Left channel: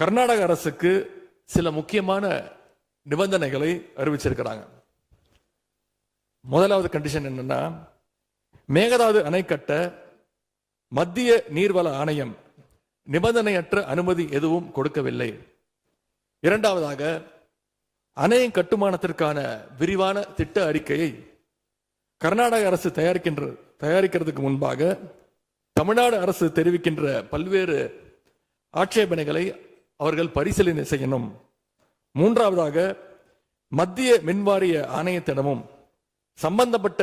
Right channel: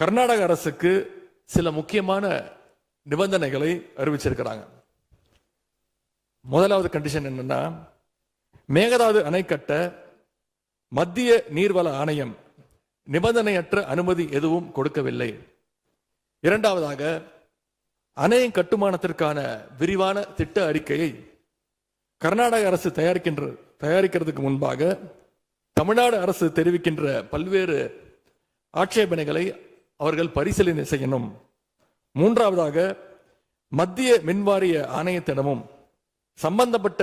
கர்நாடக அரசுக்கு சில முக்கியமான நிபந்தனைகளை அறிவிச்சிருக்கிறாங்க. முதலாவது கண்டிஷன் என்னன்னா, மேகதாது அணை கட்ட மத்திய நீர்வள ஆணையம் நிபந்தனையற்ற அனுமதி எதுவும் கொடுக்கவில்லை. இரண்டாவதாக, அணையின் கட்டுமானத்திற்கான விரிவான திட்ட அறிக்கையை கர்நாடக அரசு தயாரிக்கிறதுக்கு முன்பாக தமிழ்நாடு அரசு தெரிவிக்கின்ற பல்வேறு ஆட்சேபனைகளை அவர்கள் பரிசீலனை செய்யணும். மூன்றாவதாக, மத்திய மின்வாரிய ஆணையத்திடமும் சம்பந்தப்பட்ட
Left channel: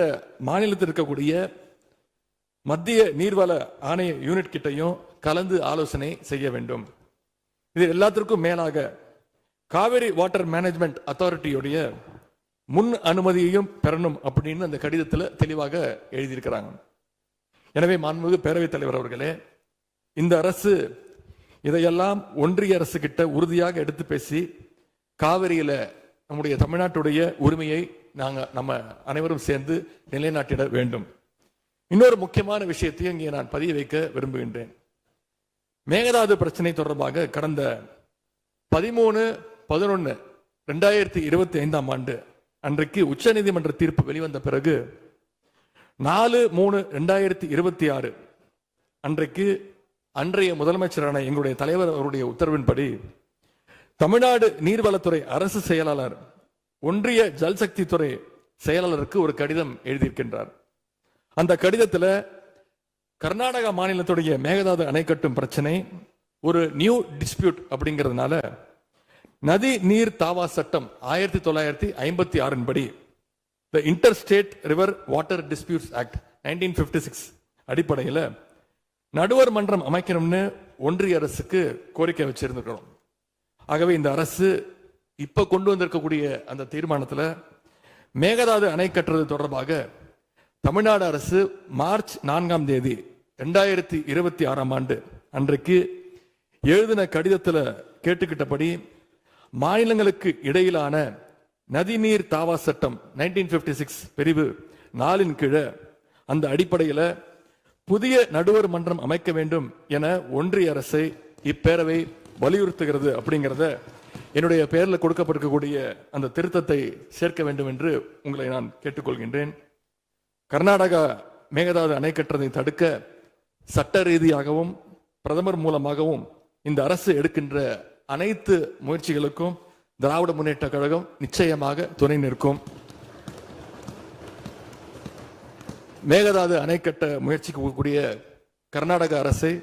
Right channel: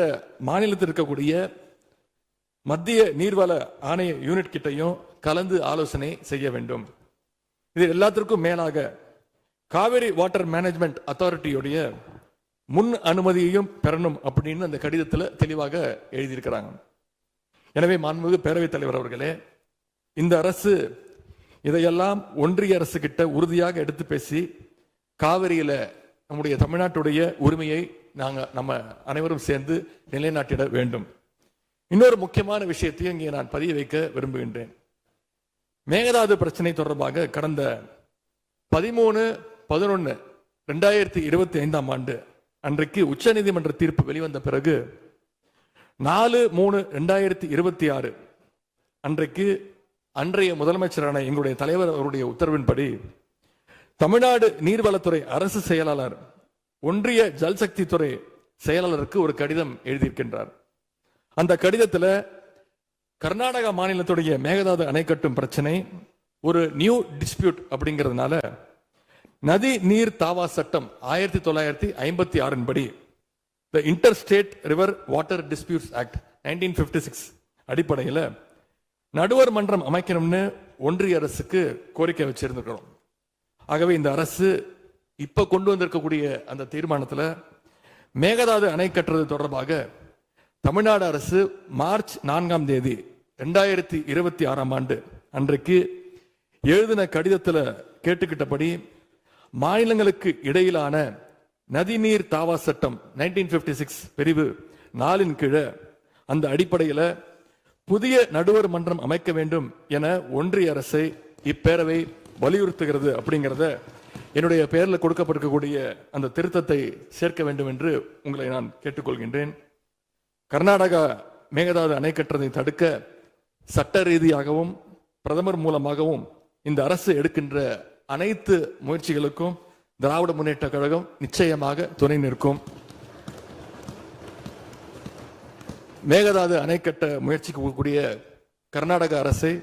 மாநிலத்தில் இருக்கக்கூடிய மத்திய நீர்வள ஆணைய யூனிட் கிட்டையும் கலந்து ஆலோசனை செய்ய வேண்டும். இது எல்லாத்திற்கும் மேலாக காவிரி வாட்டர் மேனேஜ்மெண்ட் அத்தாரிட்டியுடைய முன் அனுமதியையும் பெறணும் அப்படின்னு அந்த கடிதத்தில் தெளிவாக எழுதியிருக்கிறாங்க. எனவே மாண்புமிகு பேரவைத் தலைவர் அவர்களே, இந்த அரசு இதையெல்லாம் ஒன்றிய அரசு கிட்ட உறுதியாக எடுத்து பேசி காவிரியில நம்முடைய தமிழ்நாட்டுடைய உரிமையை நம்ம அனைவரும் சேர்ந்து நிலைநாட்டிட வேண்டும். இன்னொரு முக்கியமான விஷயத்தையும் இங்கே நான் பதிய வைக்க விரும்புகின்றேன். மேகதாது பிரச்சனை தொடர்பாக கடந்த 13/11/2025 ஆண்டு அன்றைக்கு உச்சநீதிமன்ற தீர்ப்பு வெளிவந்த பிறகு 4/3/2026 அன்றைக்கு அன்றைய முதலமைச்சரான எங்களுடைய தலைவர் அவருடைய உத்தரவின்படி தமிழ்நாடு நீர்வளத்துறை அரசு செயலாளர் ஒன்றிய ஜல்சக்தி துறை செயலாளருக்கு ஒரு கடிதம் எழுதியிருக்கின்றார். அந்த கடிதத்தில் கர்நாடக மாநிலத்துடைய மேகதாது அணை கட்டும் பிரச்சனை ஒரு நியூ டிஸ்பியூட் அப்படிங்கிறதுனால நதி நீர் தாவா சட்டம் 1956 படி The Interstate River Water Disputes Act 1956 அடிப்படையில் நடுவர் மன்றம் அமைக்கணும்னு ஒன்றிய அரசுக்கு கோரிக்கை வச்சிருக்கிறோம். ஆகவே இந்த அரசு இப்ப கொண்டு வந்திருக்கக்கூடிய அந்த தீர்மானத்தில் மேகதாது அணை கட்டுறது தொடர்பாக தமிழ்நாடு அரசு மார்ச் 4 2026 ஆண்டு அன்றைக்கு எழுதின கடிதத்தில் கேட்டுக்கிட்டபடி மாநிலங்களுக்கு இடையிலான நதிநீர் தாவா சட்டம் 1956 பிரிவு 4 கீழே அந்த அடிப்படையில் புதிய நடுவர் மன்றம் அமைக்க வேண்டும் என ஒன்றிய அரசை இப்பேரவை வலியுறுத்துகிறது. அப்படிங்கிறத என்னுடைய பெயரில் கொடுக்கப்பட்டிருக்கக்கூடிய அந்த திருத்தத்தை சேர்க்க வேண்டும் என்று உங்களை நான் கேட்டுக்கொள்கின்றேன். கர்நாடகா மேகதாது அணை கட்டுறதை தடுக்க சட்ட ரீதியாகவும் பிரதமர் மூலமாகவும் இந்த அரசு எடுக்கின்ற அனைத்து முயற்சிகளுக்கும் திராவிட முன்னேற்ற கழகம் நிச்சயமாக துணை நிற்கும். மேகதாது அணை கட்ட முயற்சிக்கக்கூடிய கர்நாடக அரசை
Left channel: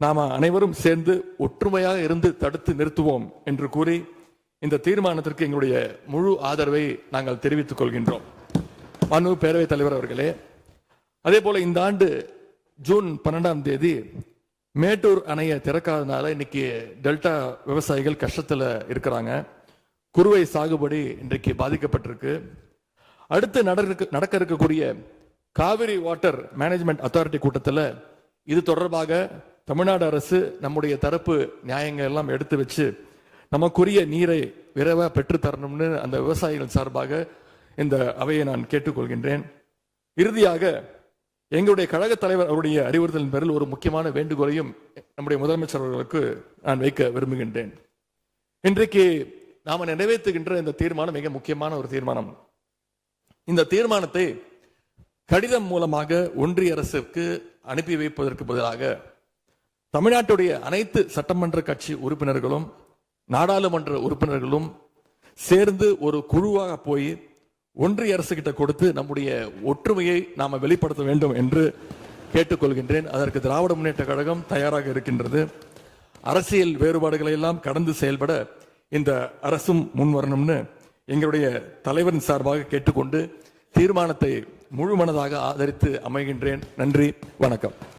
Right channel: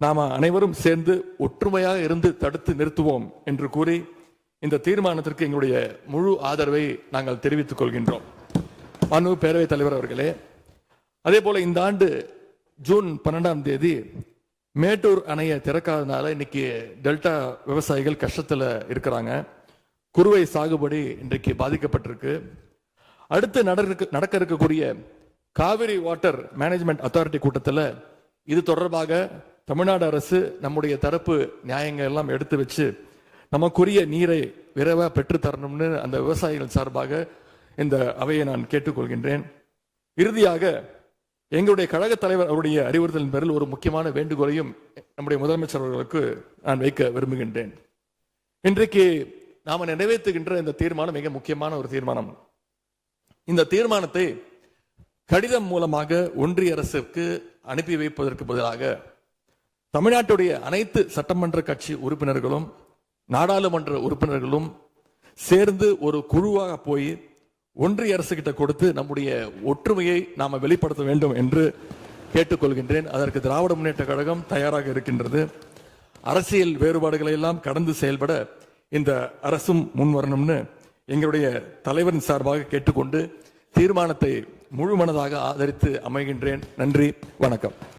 நாம அனைவரும் சேர்ந்து ஒற்றுமையாக இருந்து தடுத்து நிறுத்துவோம் என்று கூறி இந்த தீர்மானத்திற்கு எங்களுடைய முழு ஆதரவை நாங்கள் தெரிவித்துக் கொள்கின்றோம். மாண்புமிகு பேரவைத் தலைவர் அவர்களே, அதே போல இந்த ஆண்டு ஜூன் 12 மேட்டூர் அணையை திறக்காதனால இன்னைக்கு டெல்டா விவசாயிகள் கஷ்டத்தில் இருக்கிறாங்க. குறுவை சாகுபடி இன்றைக்கு பாதிக்கப்பட்டிருக்கு. அடுத்து நடக்க இருக்கக்கூடிய காவிரி வாட்டர் மேனேஜ்மெண்ட் அத்தாரிட்டி கூட்டத்தில் இது தொடர்பாக தமிழ்நாடு அரசு நம்முடைய தரப்பு நியாயங்கள் எல்லாம் எடுத்து வச்சு நமக்குரிய நீரை விரைவாக பெற்று தரணும்னு அந்த விவசாயிகள் சார்பாக இந்த அவையை நான் கேட்டுக்கொள்கின்றேன். இறுதியாக எங்களுடைய கழக தலைவர் அவருடைய அறிவுறுத்தலின் பேரில் ஒரு முக்கியமான வேண்டுகோளையும் நம்முடைய முதலமைச்சர் அவர்களுக்கு நான் வைக்க விரும்புகின்றேன். இன்றைக்கு நாம நிறைவேற்றுகின்ற இந்த தீர்மானம் மிக முக்கியமான ஒரு தீர்மானம். இந்த தீர்மானத்தை கடிதம் மூலமாக ஒன்றிய அரசுக்கு அனுப்பி வைப்பதற்கு பதிலாக தமிழ்நாட்டுடைய அனைத்து சட்டமன்ற கட்சி உறுப்பினர்களும் நாடாளுமன்ற உறுப்பினர்களும் சேர்ந்து ஒரு குழுவாக போய் ஒன்றிய அரசு கிட்ட கொடுத்து நம்முடைய ஒற்றுமையை நாம வெளிப்படுத்த வேண்டும் என்று கேட்டுக்கொள்கின்றேன். அதற்கு திராவிட முன்னேற்ற கழகம் தயாராக இருக்கின்றது. அரசியல் வேறுபாடுகளை எல்லாம் கடந்து செயல்பட இந்த அரசும் முன்வரணும்னு எங்களுடைய தலைவரின் சார்பாக கேட்டுக்கொண்டு தீர்மானத்தை முழு மனதாக ஆதரித்து அமைகின்றேன். நன்றி, வணக்கம்.